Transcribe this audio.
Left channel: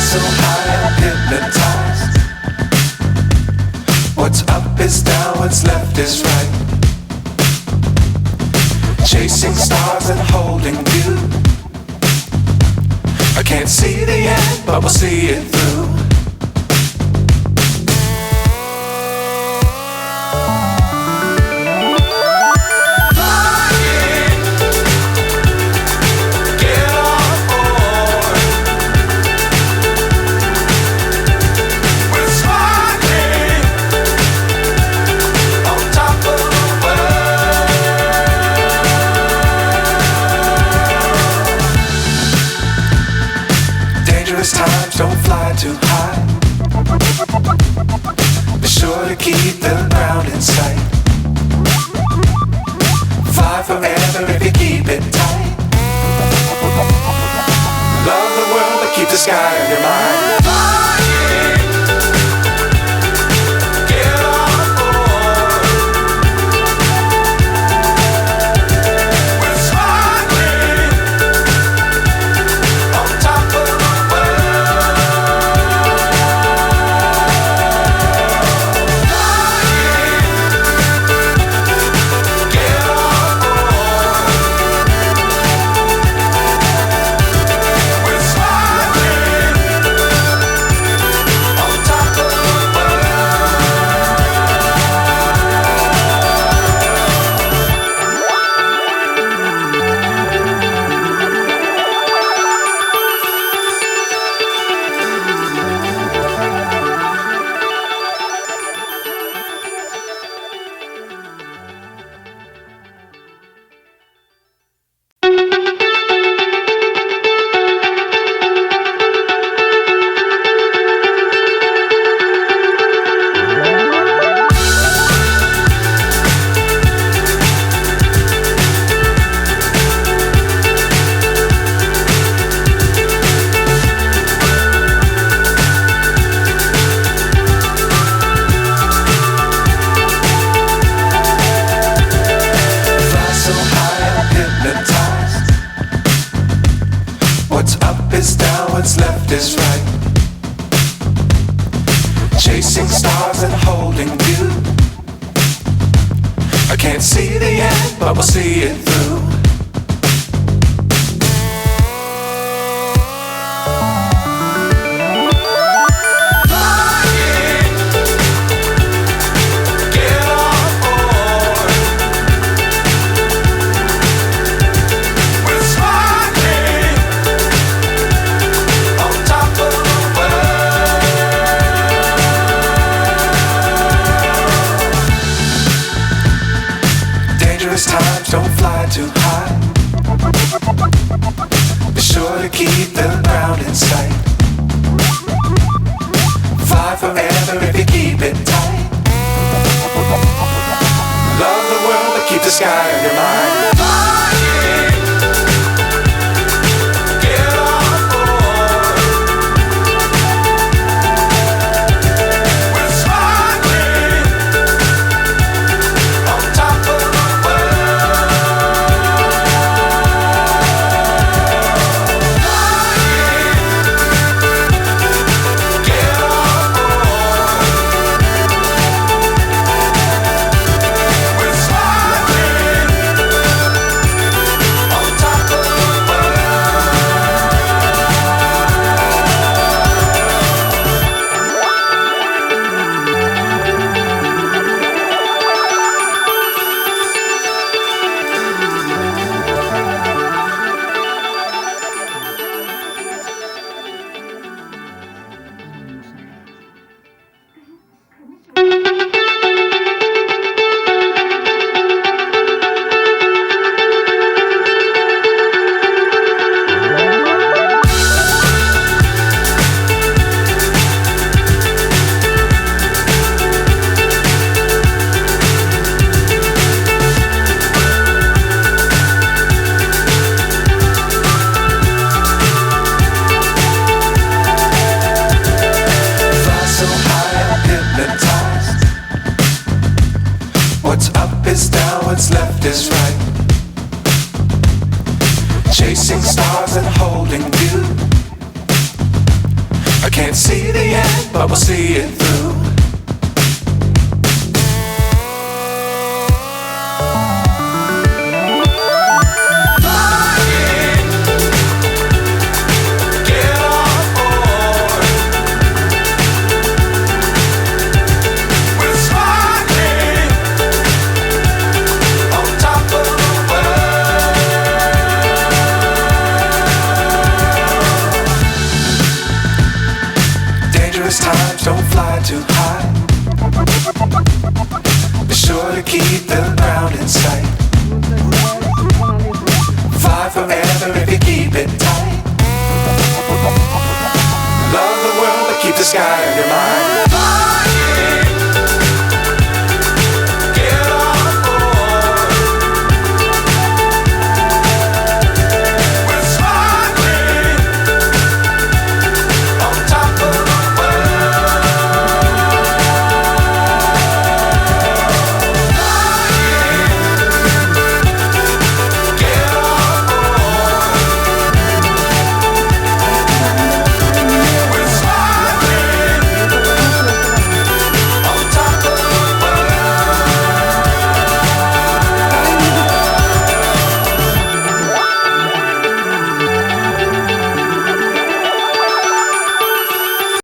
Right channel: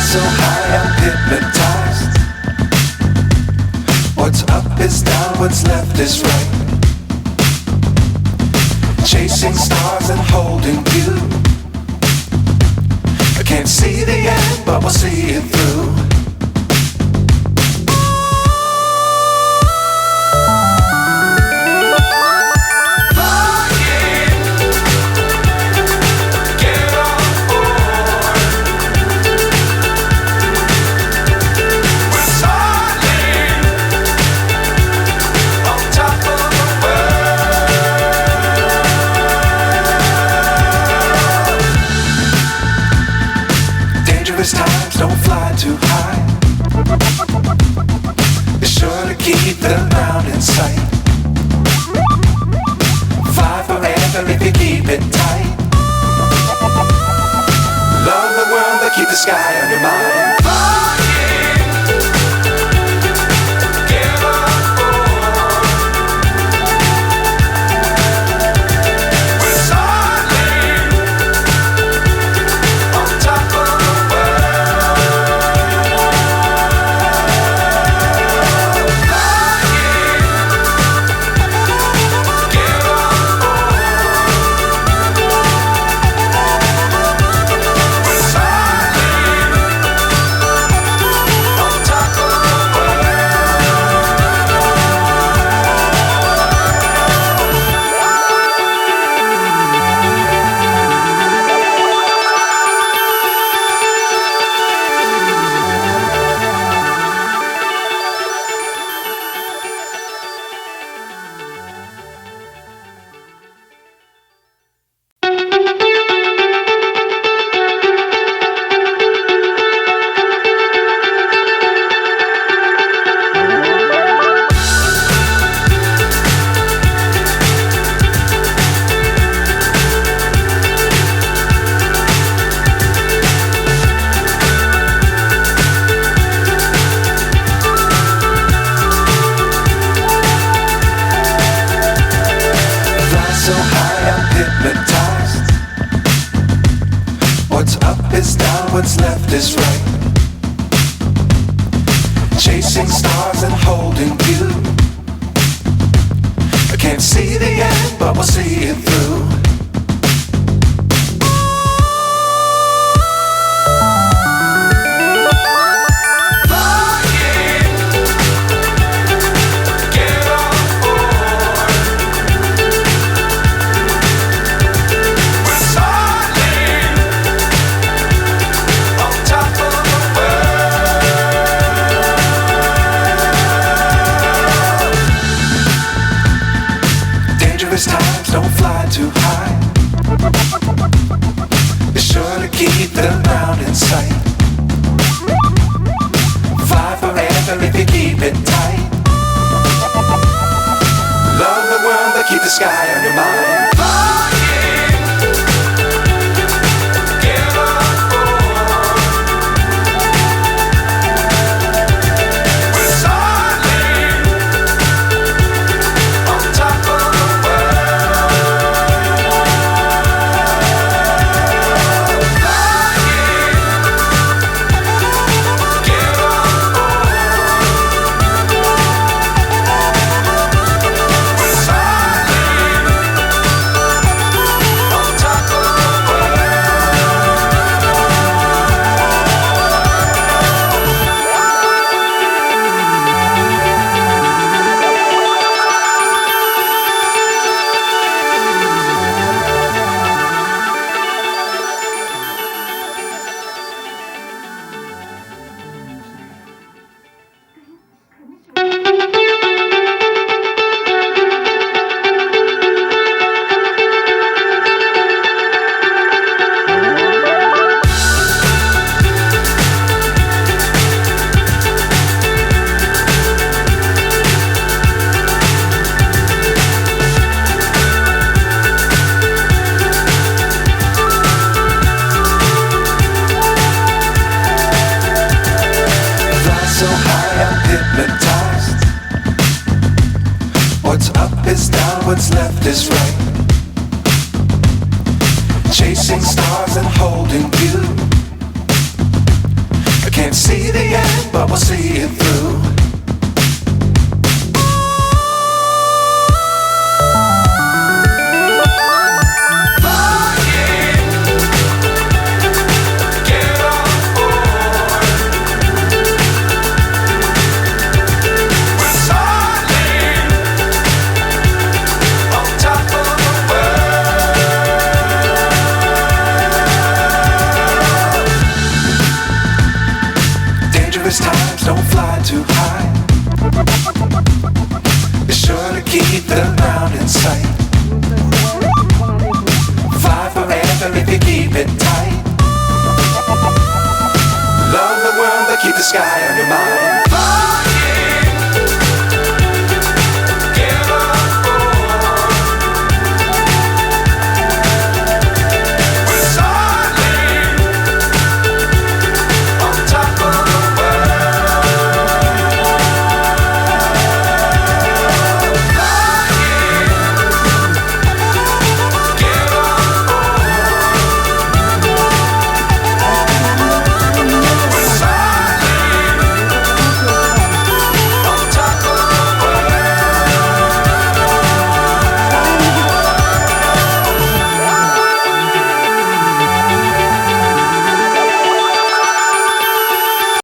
So high I'm hypnotized. What's up is down, what's left is right. Chasing stars and holding you. I can't see the end, but we'll see it through. Times don't fly too high. Be sure to keep the ground in sight. Fly forever if you keep it tight. Love the world but keep the sky on your mind. So high I'm hypnotized. What's up is down, what's left is right. Chasing stars and holding you. I can't see the end, but we'll see it through. Times don't fly too high. Be sure to keep the ground in sight. Fly forever if you keep it tight. Love the world but keep the sky on your mind. so high I'm hypnotized. What's up is down, what's left is right. Chasing stars and holding you. I can't see the end, but we'll see it through. Times don't fly too high. Be sure to keep the ground in sight. Fly forever if you keep it tight. Love the world but keep the sky on your mind.